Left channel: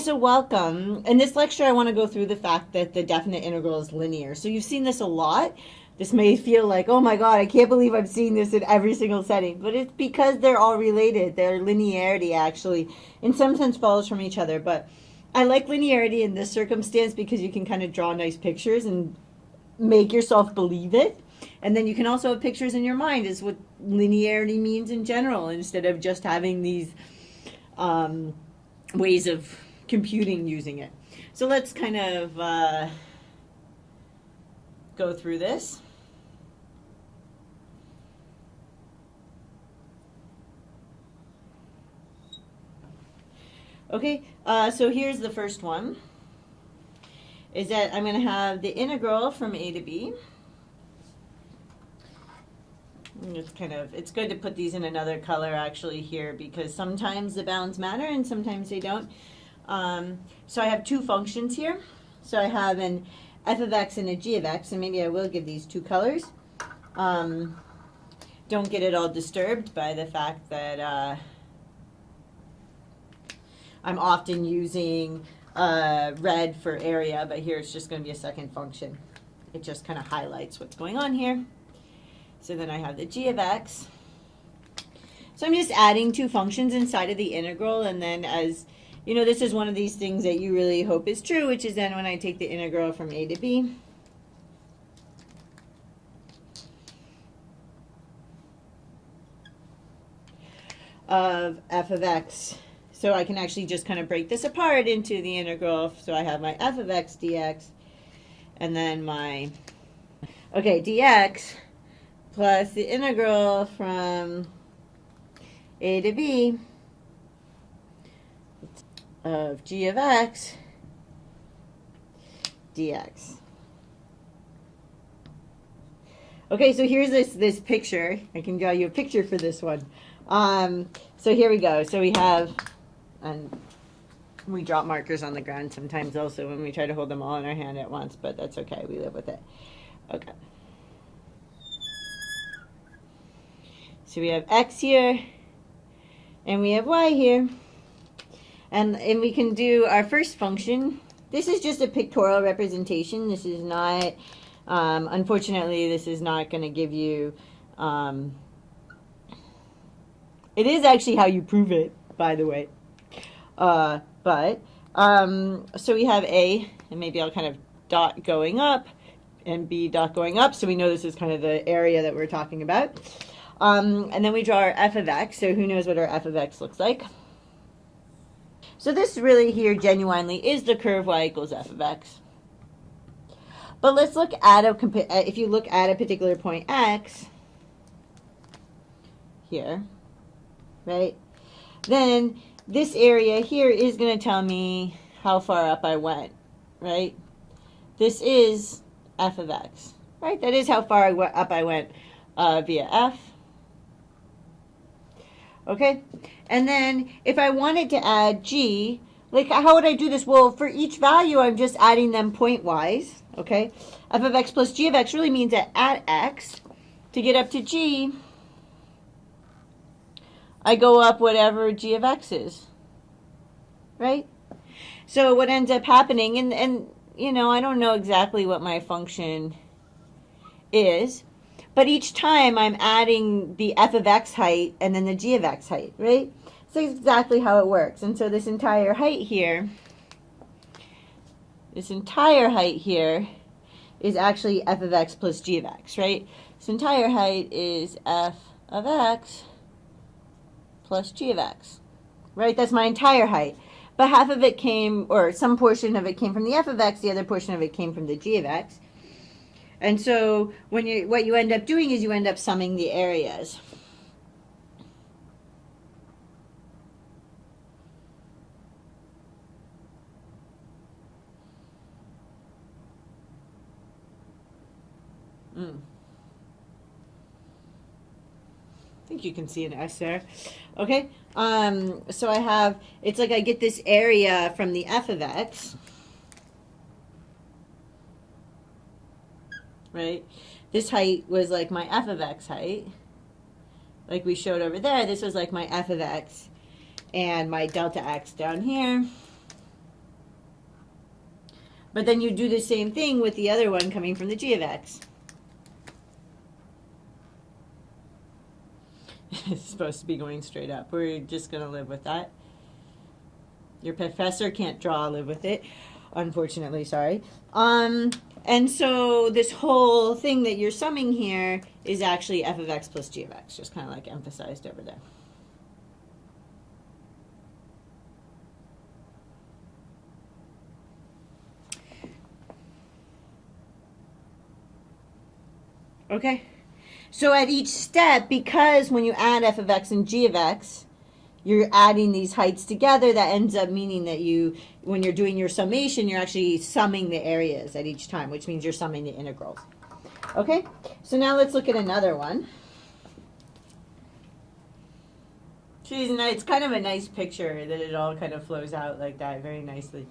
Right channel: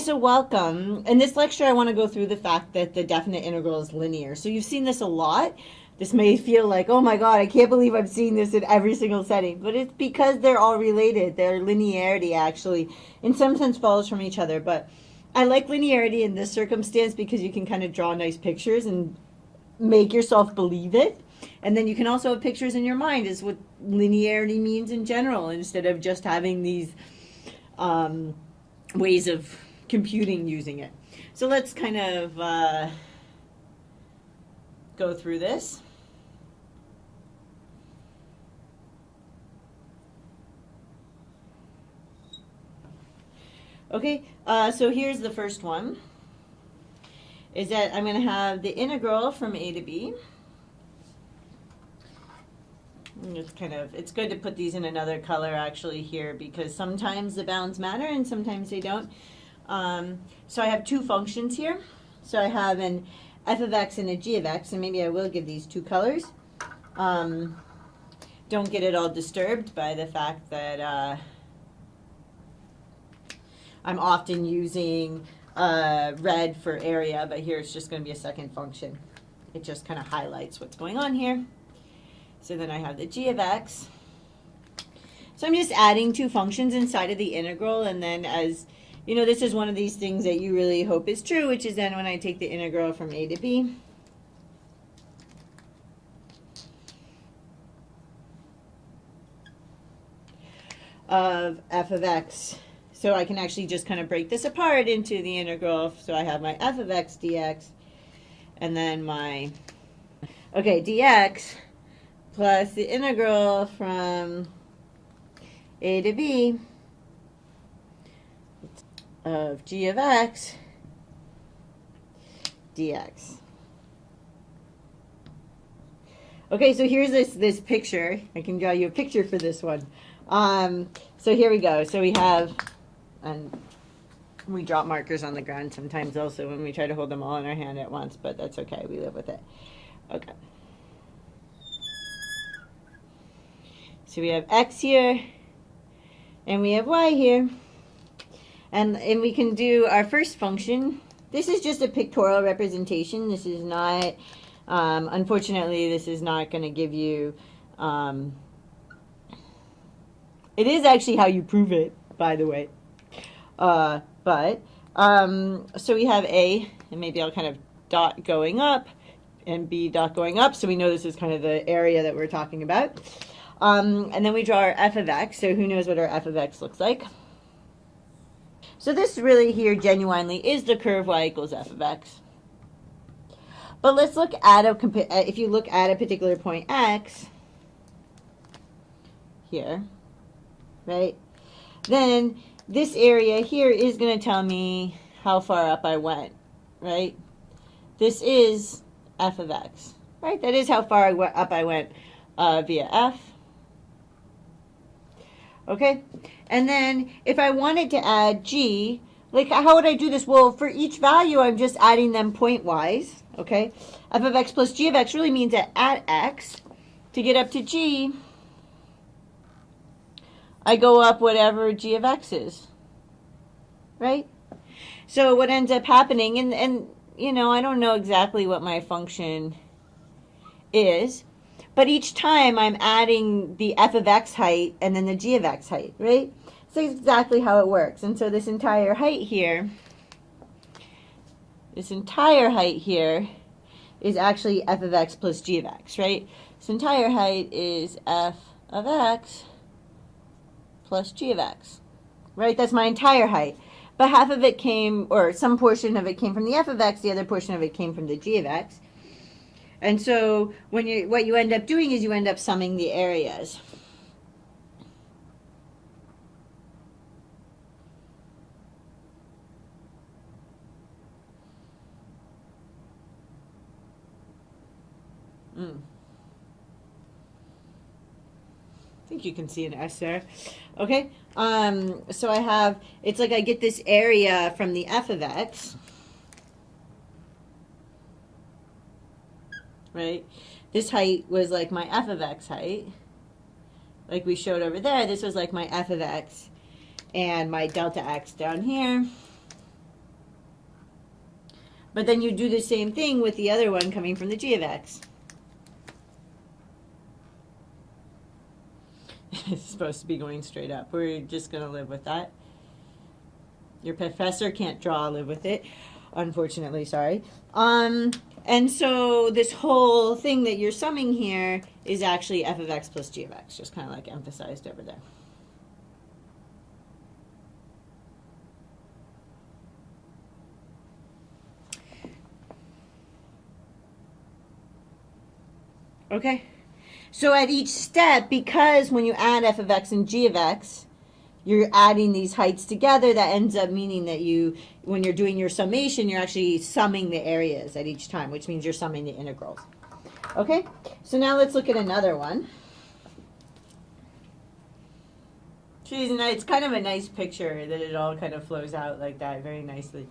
so welcome. In this lecture, I want to go through the fact that the definite integral is linear. So you've seen this a lot. This may feel like, oh my God, I can't believe I'm seeing this in every single setting. But it's because they're all related. Their linearity actually, in some sense, follows from each other. But I like linearity in this circumstance because you can kind of draw nice pictures and make yourself believe it. And then you can also have pictures in your mind as what linearity means in general, instead of just having these ways of computing using it. So let's kind of go through this. Okay, so here's the first one, is that I'm going to have the integral from a to b. It's good to put these in another color actually here, because sometimes the bounds matter and sometimes they don't. So I have two functions here. So I have an f of x and a g of x, and maybe I will give these two colors. Don't get it all disturbed by the fact that I'm often using red for area, but here it's just going to be a second function. It just kind of highlights what's going on here. So then I have the g of x. So I'm just adding two functions inside of the integral, and then as you know, this is one of these things that you really hope is true, which is then when I take the integral from a to b, of f of x. So I can actually just kind of break this apart into the integral. So I have my f of x dx, and then my, okay, dx plus the integral from a to b of g of x dx. Okay, so here's this picture. I can draw you a picture for this one. So here we go. So we have, and we drop markers on the ground sometimes also when we try to hold them all in our hand at once, but that's okay. We live with it. Okay. So we have x here, and we have y here. And we can do our first function. This is just a pictorial representation. This is not, unfortunately, this is not going to give you, it is actually how you prove it, by the way. So we have A, and maybe I'll kind of dot going up, and B dot going up, so we know this is kind of the area that we're talking about. And then we draw our f of x, so who knows what our f of x looks like. So this really here genuinely is the curve y equals f of x. But let's look at if you look at a particular point x here, right? Then this area here is going to tell me how far up I went, right? This is f of x, right? That is how far up I went via f. Okay, and then if I wanted to add g, like how would I do this? Well, for each value, I'm just adding them point-wise, okay? F of x plus g of x really means that at x, to get up to g, I go up whatever g of x is, right? So what ends up happening, and you know, I don't know exactly what my function is, but each time I'm adding the f of x height and then the g of x height, right? So that's exactly how it works. And so this entire height here is actually f of x plus g of x, right? This entire height is f of x plus g of x, right? That's my entire height. But half of it came, or some portion of it came from the f of x, the other portion of it came from the g of x. And so what you end up doing is you end up summing the areas. I think you can see an S there. Okay, so I have, it's like I get this area from the f of x, right? This height was like my f of x height. Like we showed over there, this was like my f of x. And my delta x down here But then you do the same thing with the other one coming from the g of x. It's supposed to be going straight up. We're just going to live with that. Your professor can't draw, live with it. Unfortunately, sorry. And so this whole thing that you're summing here is actually f of x plus g of x, just kind of like emphasized over there. Okay. So at each step, because when you add f of x and g of x, you're adding these heights together, that ends up meaning that you, when you're doing your summation, you're actually summing the areas at each time, which means you're summing the integrals. Okay, so now let's look at another one. It's kind of a nice picture that it all kind of flows out like that very nicely.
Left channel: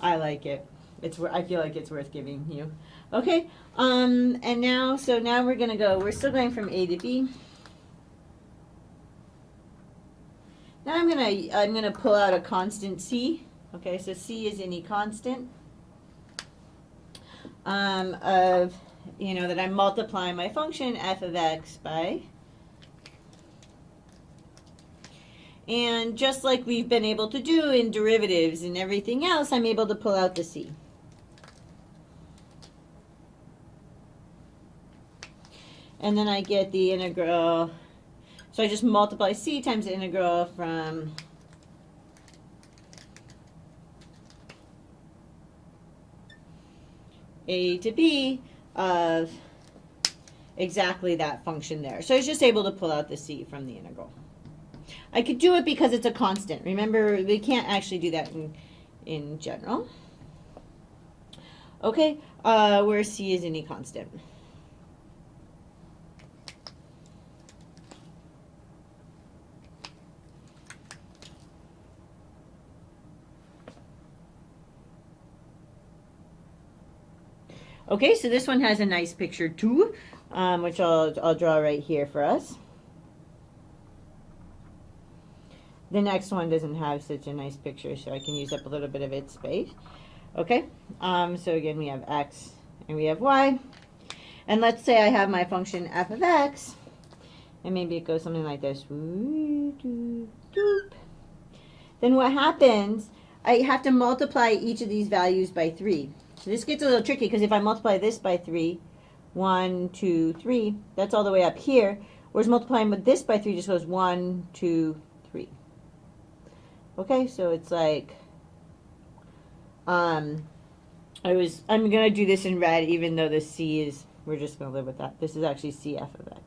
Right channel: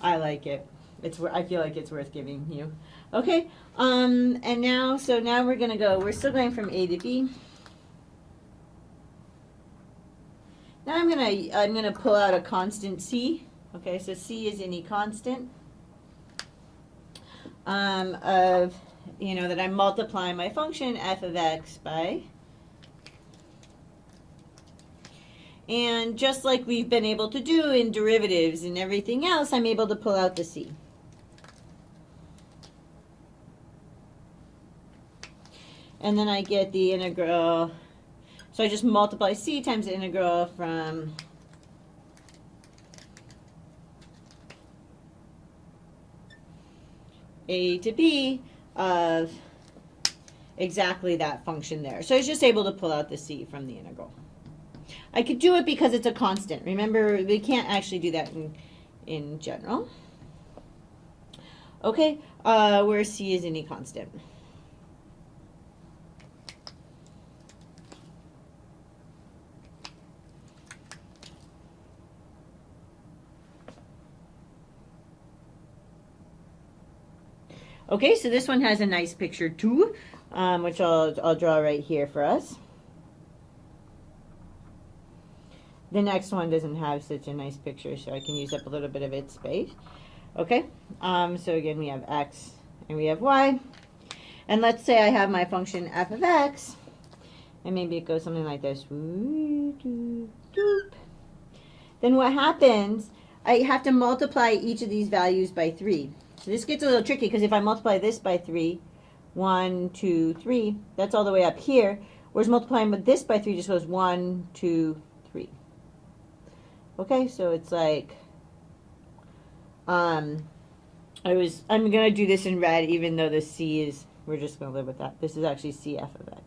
I like it. I feel like it's worth giving you. Okay, and now we're going to go, we're still going from A to B. Now I'm gonna pull out a constant c. Okay, so c is any constant of, that I'm multiplying my function f of x by. And just like we've been able to do in derivatives and everything else, I'm able to pull out the c. And then I get the integral. So I just multiply c times the integral from a to b of exactly that function there. So I was just able to pull out the c from the integral. I could do it because it's a constant. Remember, we can't actually do that in general. Okay, where c is any constant. Okay, so this one has a nice picture too, which I'll draw right here for us. The next one doesn't have such a nice picture, so I can use up a little bit of its space. Okay, so again we have x and we have y. And let's say I have my function f of x, and maybe it goes something like this. Then what happens, I have to multiply each of these values by 3. So this gets a little tricky because if I multiply this by 3, 1, 2, 3, that's all the way up here. Whereas multiplying with this by 3 just goes 1, 2, 3. Okay, so it's like, I'm going to do this in red even though the c is, we're just going to live with that. This is actually cf of x.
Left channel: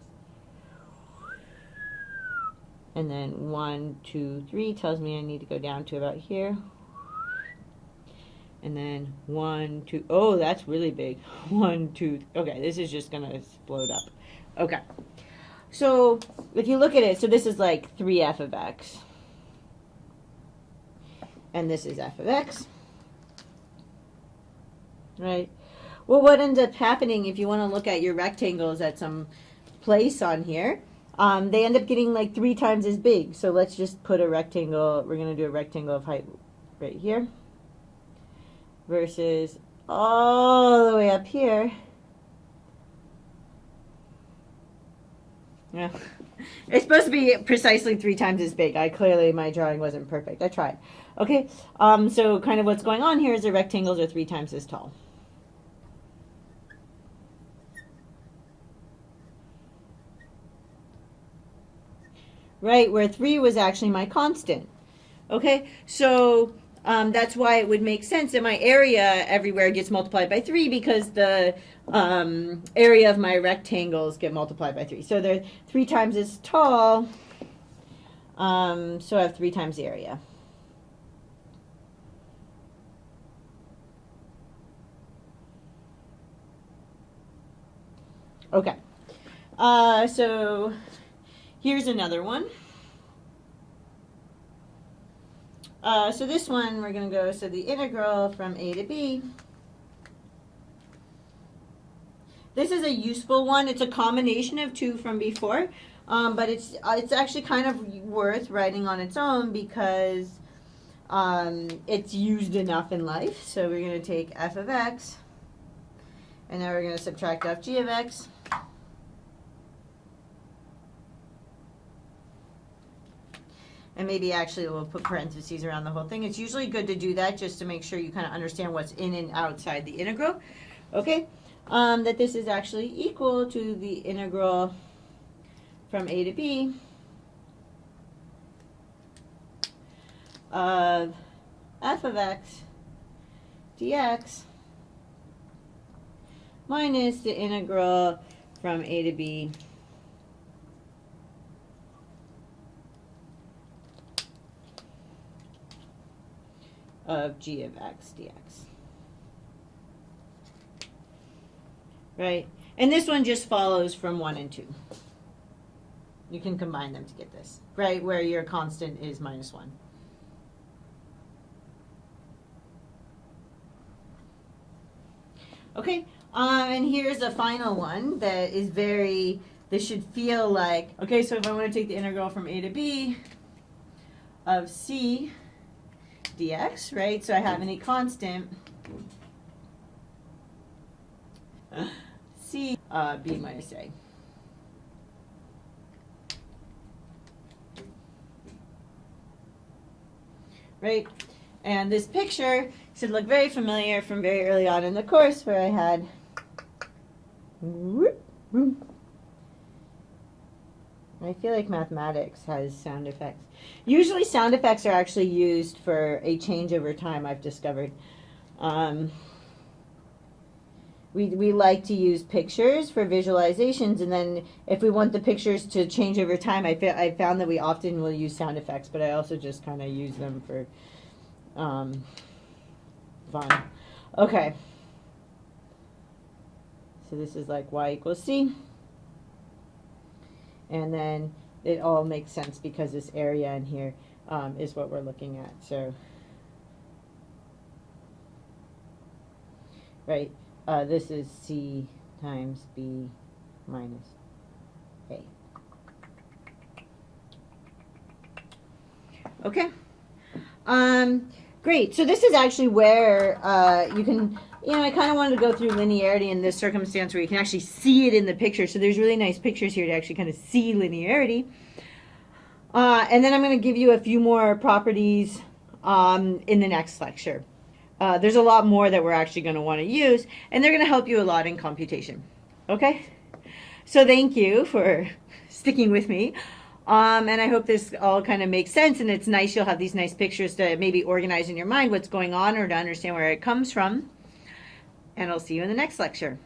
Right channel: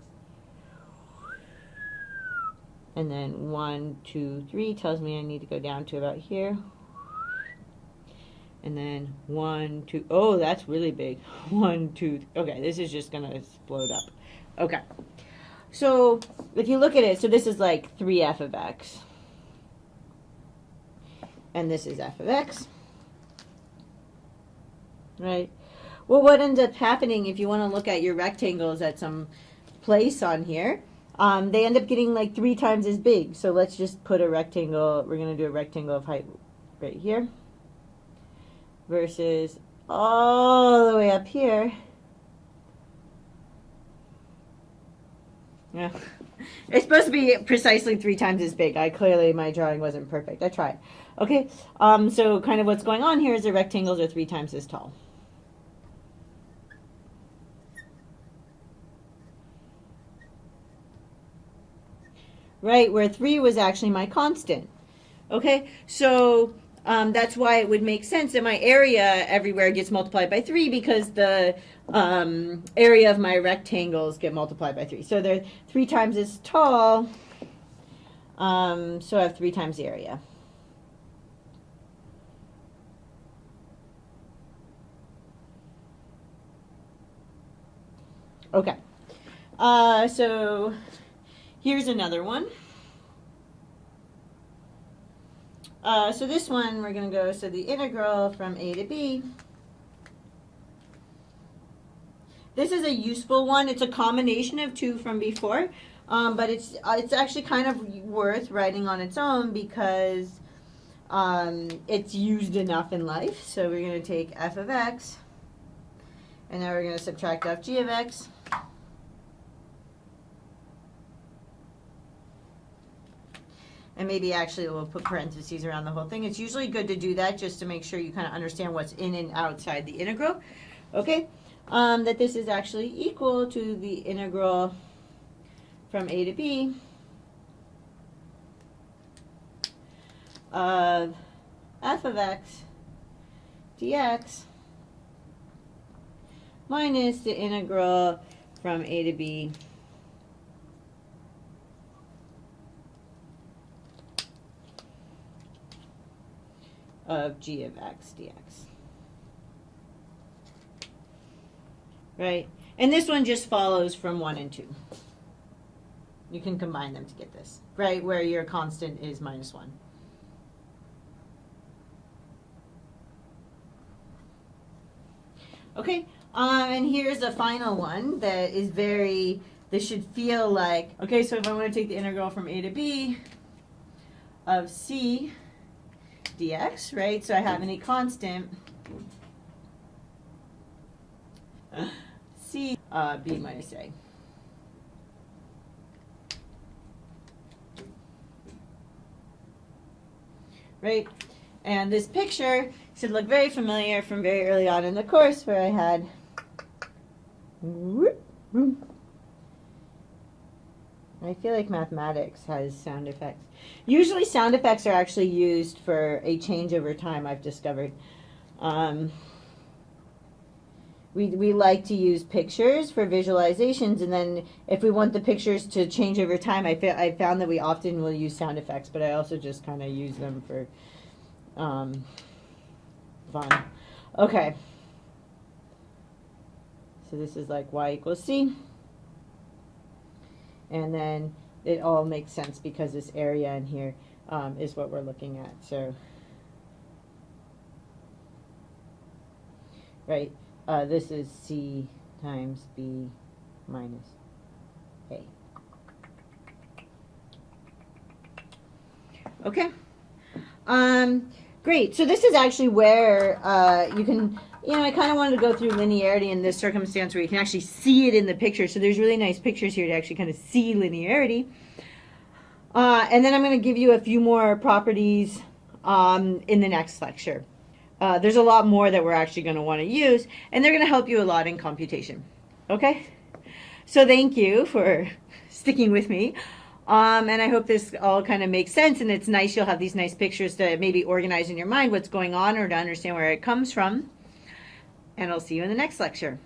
And then 1, 2, 3 tells me I need to go down to about here. And then 1, 2, oh, that's really big. 1, 2, okay, this is just going to explode up. Okay, so if you look at it, so this is like 3f of x. And this is f of x. Right? Well, what ends up happening if you want to look at your rectangles at some place on here, they end up getting like 3 times as big. So let's just put a rectangle, we're going to do a rectangle of height right here. Versus all the way up here. Yeah. It's supposed to be precisely 3 times as big. Clearly my drawing wasn't perfect. I tried. Okay, so kind of what's going on here is the rectangles are 3 times as tall. Right, where 3 was actually my constant. Okay, so that's why it would make sense that my area everywhere gets multiplied by 3 because the area of my rectangles get multiplied by 3. So they're 3 times as tall, so I have 3 times the area. Okay, so here's another one. So this one, we're going to go, so the integral from a to b. This is a useful one. It's a combination of 2 from before, but it's actually kind of worth writing on its own because it's used enough in life. So we're going to take f of x, and now we're going to subtract off g of x. And maybe actually we'll put parentheses around the whole thing. It's usually good to do that just to make sure you kind of understand what's in and outside the integral. Okay, that this is actually equal to the integral from a to b of f of x dx minus the integral from a to b of g of x dx. Right? And this one just follows from 1 and 2. You can combine them to get this, right? Where your constant is minus 1. Okay, and here's a final one that is this should feel like, okay, so if I want to take the integral from a to b of c dx, right? So I have any constant c b minus a. Right? And this picture should look very familiar from very early on in the course where I had I feel like mathematics has sound effects. Usually sound effects are actually used for a change over time, I've discovered. We like to use pictures for visualizations, and then if we want the pictures to change over time, I found that we often will use sound effects, but I also just kind of use them for fun. Okay. So this is like y equals c. And then it all makes sense because this area in here is what we're looking at. So, right, this is c times b minus a. Okay. Great. So this is actually where you can, I kind of wanted to go through linearity in this circumstance where you can actually see it in the picture. So there's really nice pictures here to actually kind of see linearity. And then I'm going to give you a few more properties in the next lecture. There's a lot more that we're actually going to want to use, and they're going to help you a lot in computation. Okay? So thank you for sticking with me. And I hope this all kind of makes sense, and it's nice you'll have these nice pictures to maybe organize in your mind what's going on or to understand where it comes from. And I'll see you in the next lecture.